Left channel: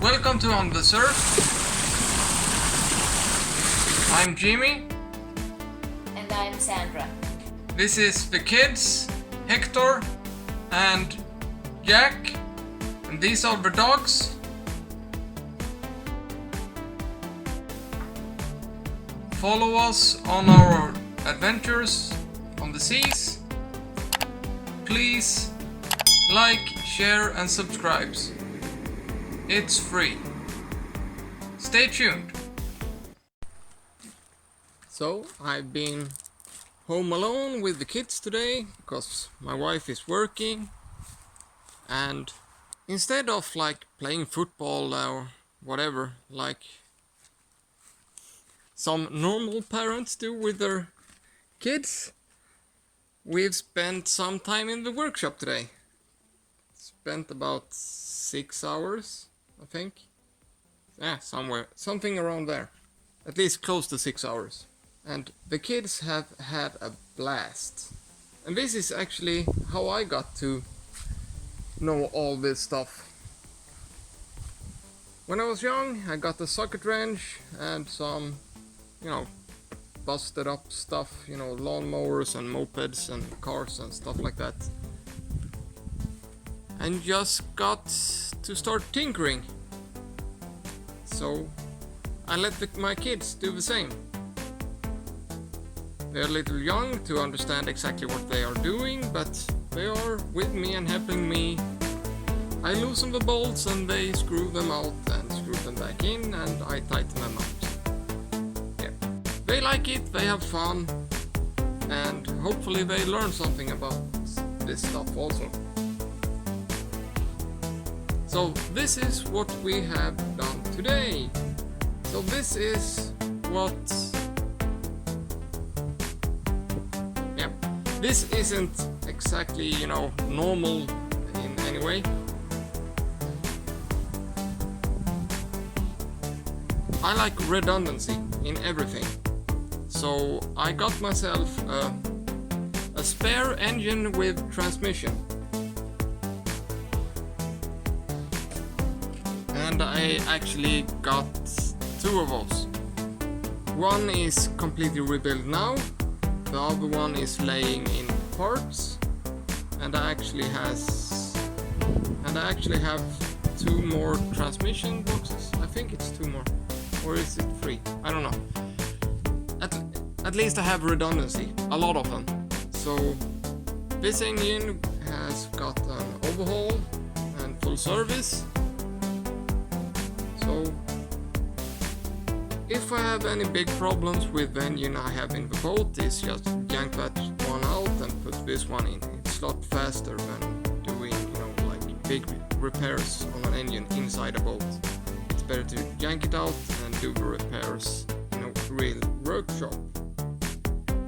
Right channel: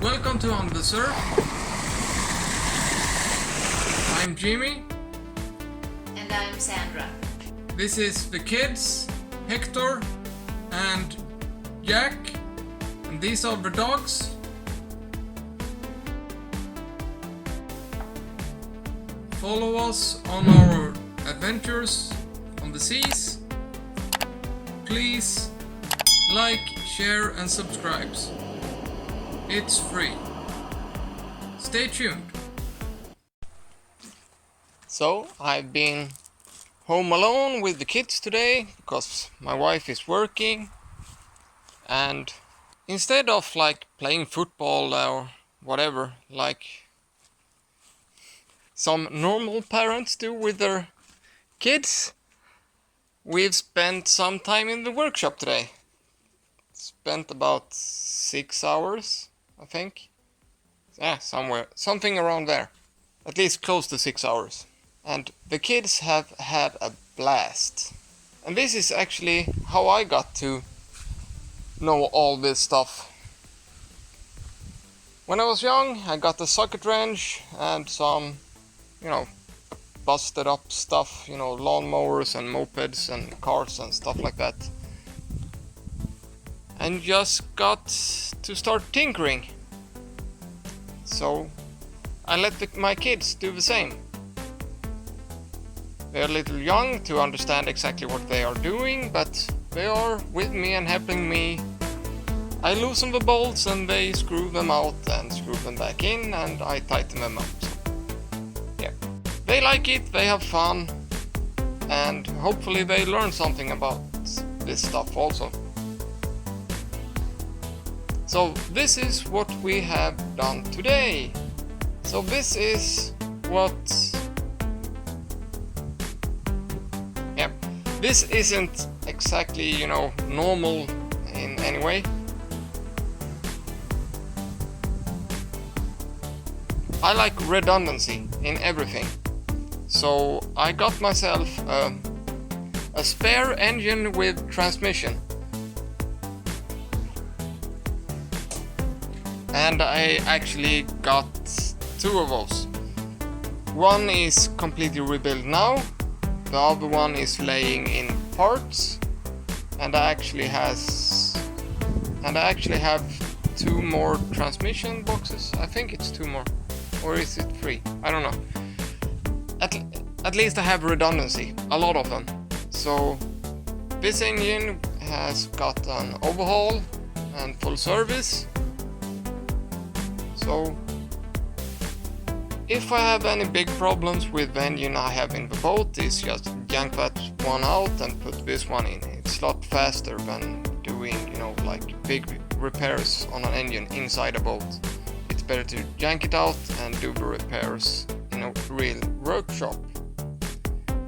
Welcome to On the Surf. I'm Jimmy. And I'm Sandra. This is the kids, Hector and Jack. And these are the dogs. Follow us on our adventures on the seas. Please like, share and subscribe. It's free. Stay tuned. So, I've been home alone with the kids today because my wife is working, and instead of like playing football or whatever like some normal parents do with their kids, we've spent some time in the workshop today. Spent about 6 hours, I think. Yeah, something around there. At least close to 6 hours. And the kids have had a blast. And this is actually how I got to know all this stuff. When I was young, I got a socket wrench and some, busted up stuff, lawnmowers and mopeds and cars and stuff like that. And just got to start tinkering. So I let my kids do the same. They're a little young to understand exactly what they are doing, but they are with me and helping me. I loosen the bolts and they screw them out and screw them back in, and I tighten them up. Yeah. They like it, they have fun, and hopefully they learn something about this stuff also. So this is what we have done today. So this is what... Yeah, this isn't exactly, normal in any way. I like redundancy in everything. So I got myself a spare engine with transmission. And I actually got 2 of those. One is completely rebuilt now, the other one is laying in parts, and I actually have 2 more transmission boxes. I think it's 2 more, or is it 3? I don't know. At least I have redundancy, a lot of them. So this engine has got an overhaul and full service. So if I have any big problems with the engine I have in the boat, is just yank that one out and put this one in. It's a lot faster than doing, like big repairs on an engine inside a boat. It's better to yank it out and do the repairs in a real workshop.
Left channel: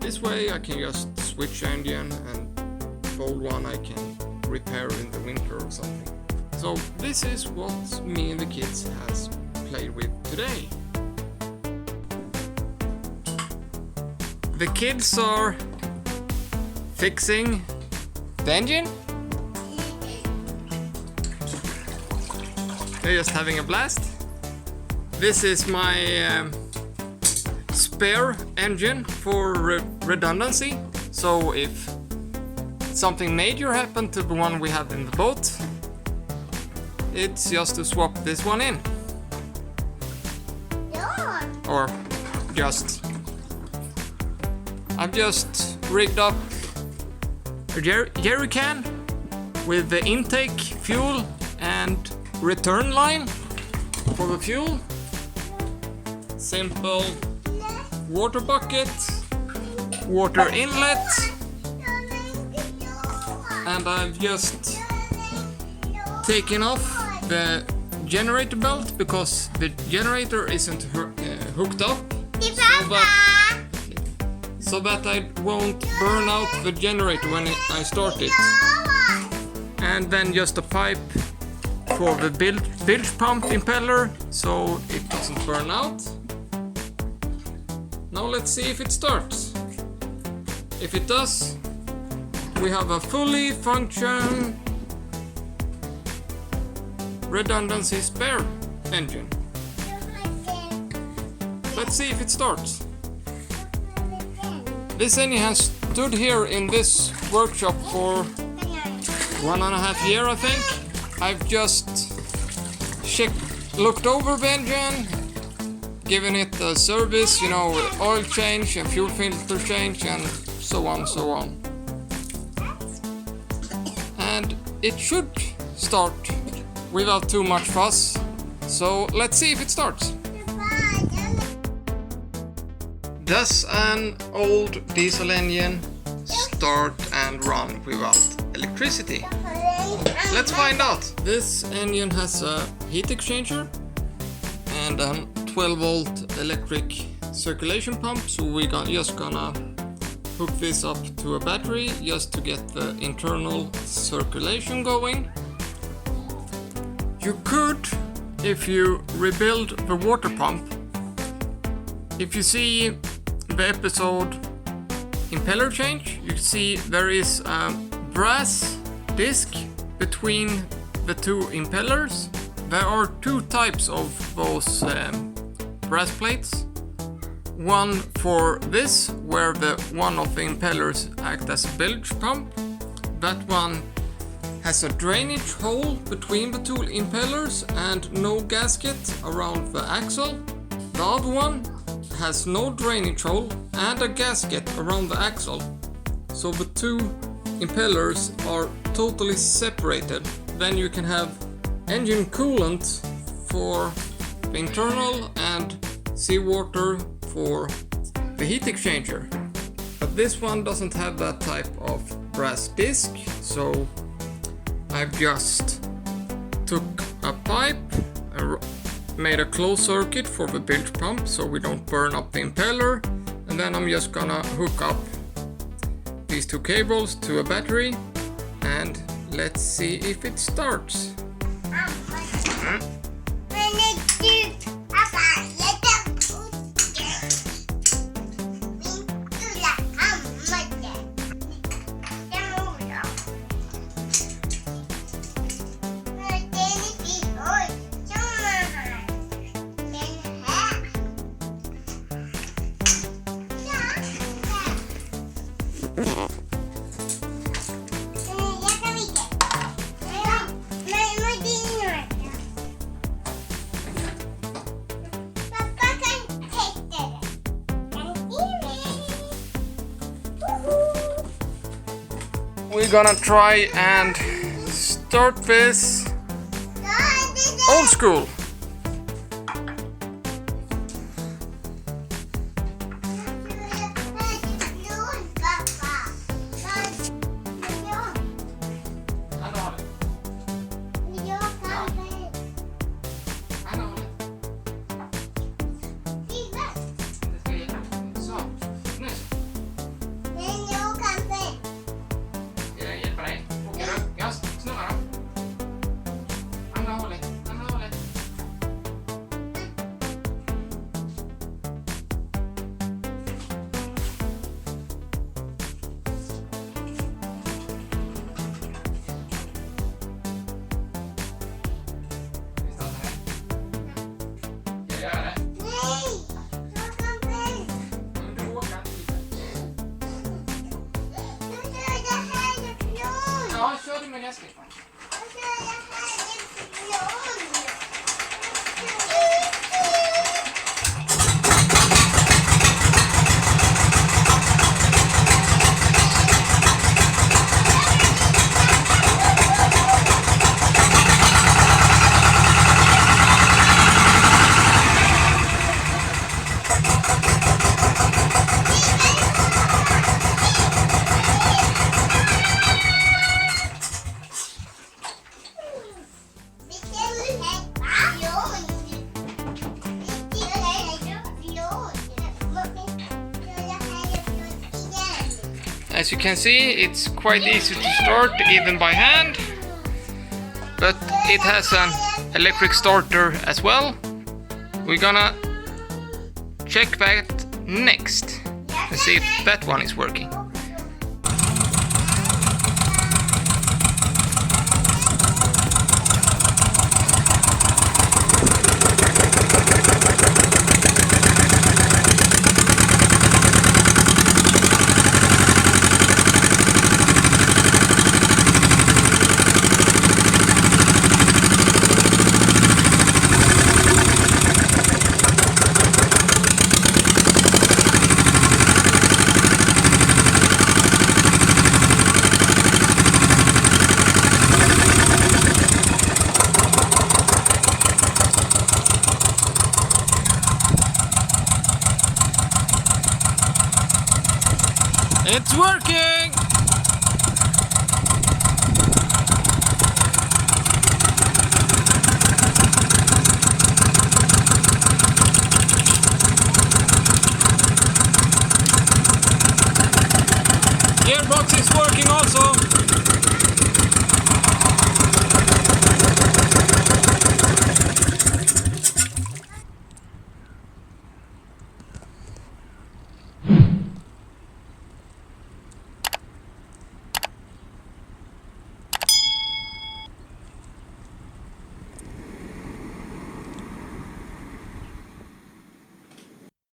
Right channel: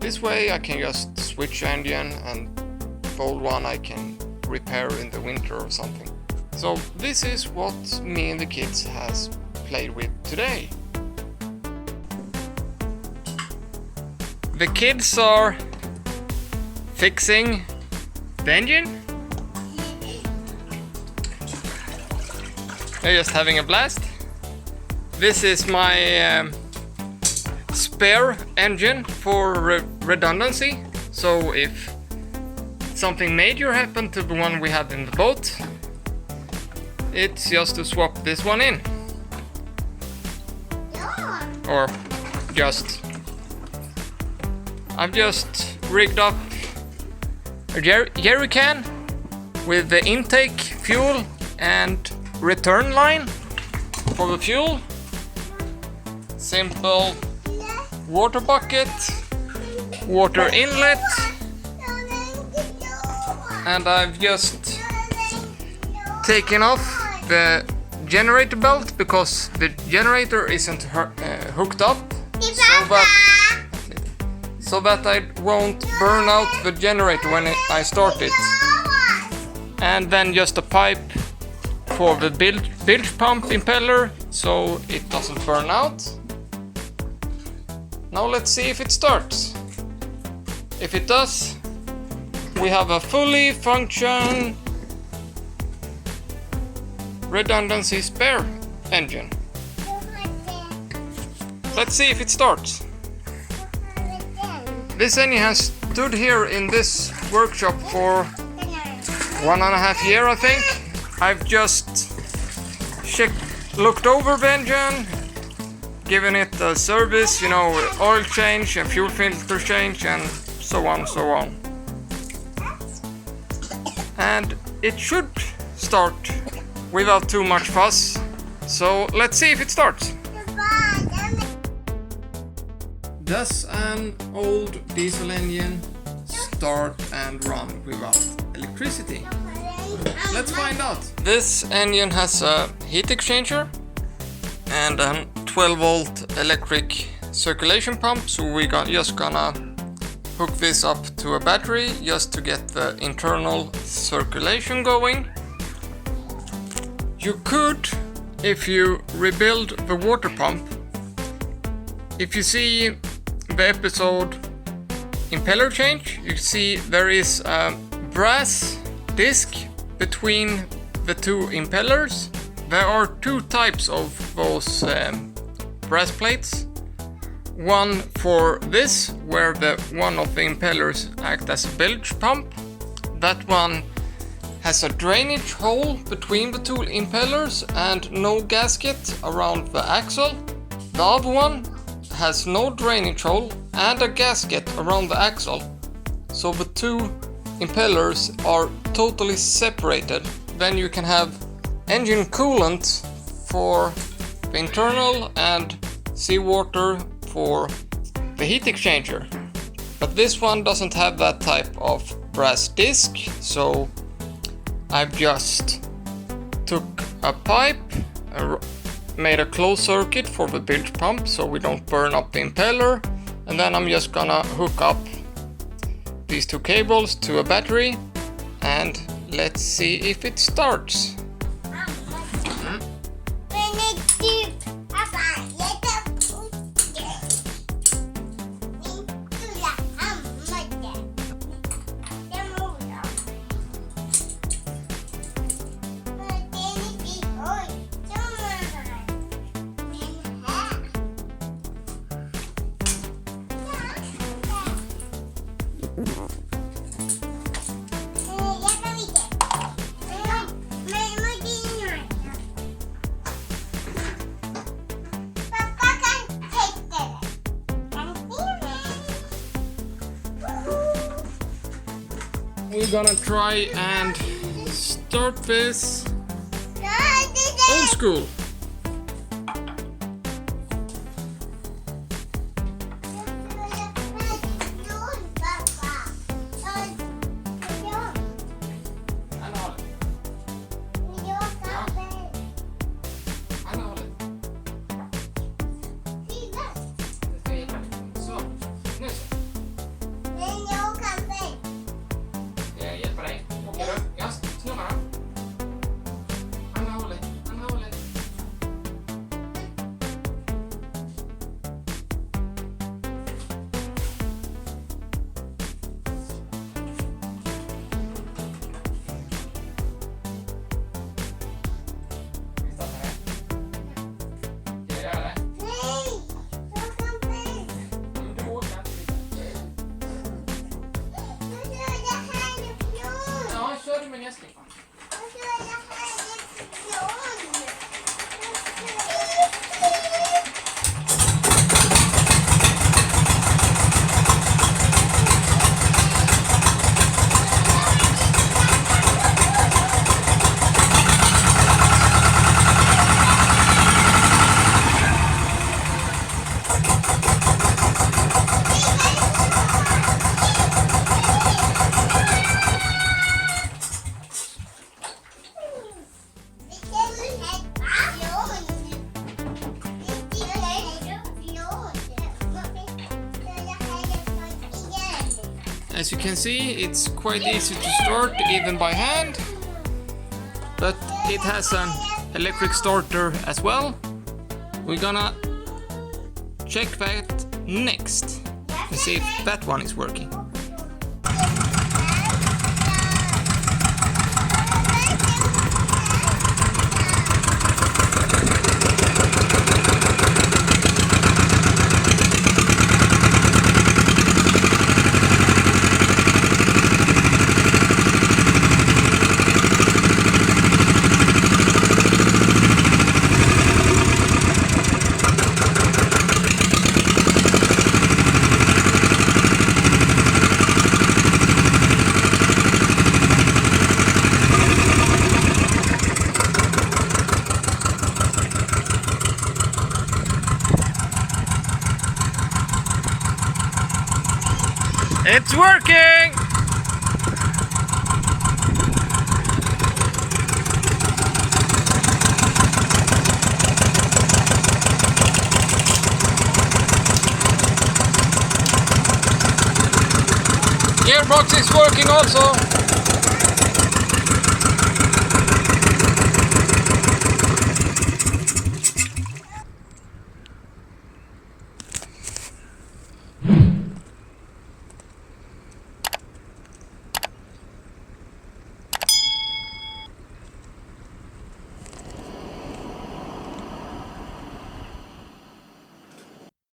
This way I can just switch engine, and the old one I can repair in the winter or something. So this is what me and the kids has played with today. The kids are fixing the engine. They're just having a blast. This is my spare engine for redundancy. So if something major happened to the one we have in the boat, it's just to swap this one in. Or I've just rigged up a jerry can with the intake fuel and return line for the fuel. Simple water bucket, water inlet, and I've just taken off the generator belt because the generator isn't hooked up, so that I won't burn out the generator when I start it. And then just a pipe for the bilge pump impeller so it doesn't burn out. Now let's see if it starts. If it does, we have a fully functioning redundancy spare engine. Let's see if it starts. This engine has stood here in this workshop for 1.5 years, I think. I've just looked over the engine, given it a service, you know, oil change and fuel filter change and so on, so on. And it should start without too much fuss. So let's see if it starts. Does an old diesel engine start and run without electricity? Let's find out. This engine has a heat exchanger and a 12-volt electric circulation pump, so we're just gonna hook this up to a battery just to get the internal circulation going. You could, if you rebuild the water pump, if you see the episode impeller change, you see there is a brass disc between the two impellers. There are two types of those brass plates. One for this, where one of the impellers act as a bilge pump. That one has a drainage hole between the two impellers and no gasket around the axle. The other one has no drainage hole and a gasket around the axle. So the two impellers are totally separated. Then you can have engine coolant for the internal and seawater for the heat exchanger. But this one doesn't have that type of brass disc, so I've just took a pipe and made a closed circuit for the bilge pump so we don't burn up the impeller, and then I'm just gonna hook up these two cables to a battery and let's see if it starts. We're gonna try and start this old school. As you can see, it's quite easy to start even by hand, but it has an electric starter as well. We're gonna check that next and see if that one is working. It's working! Gearbox is working also.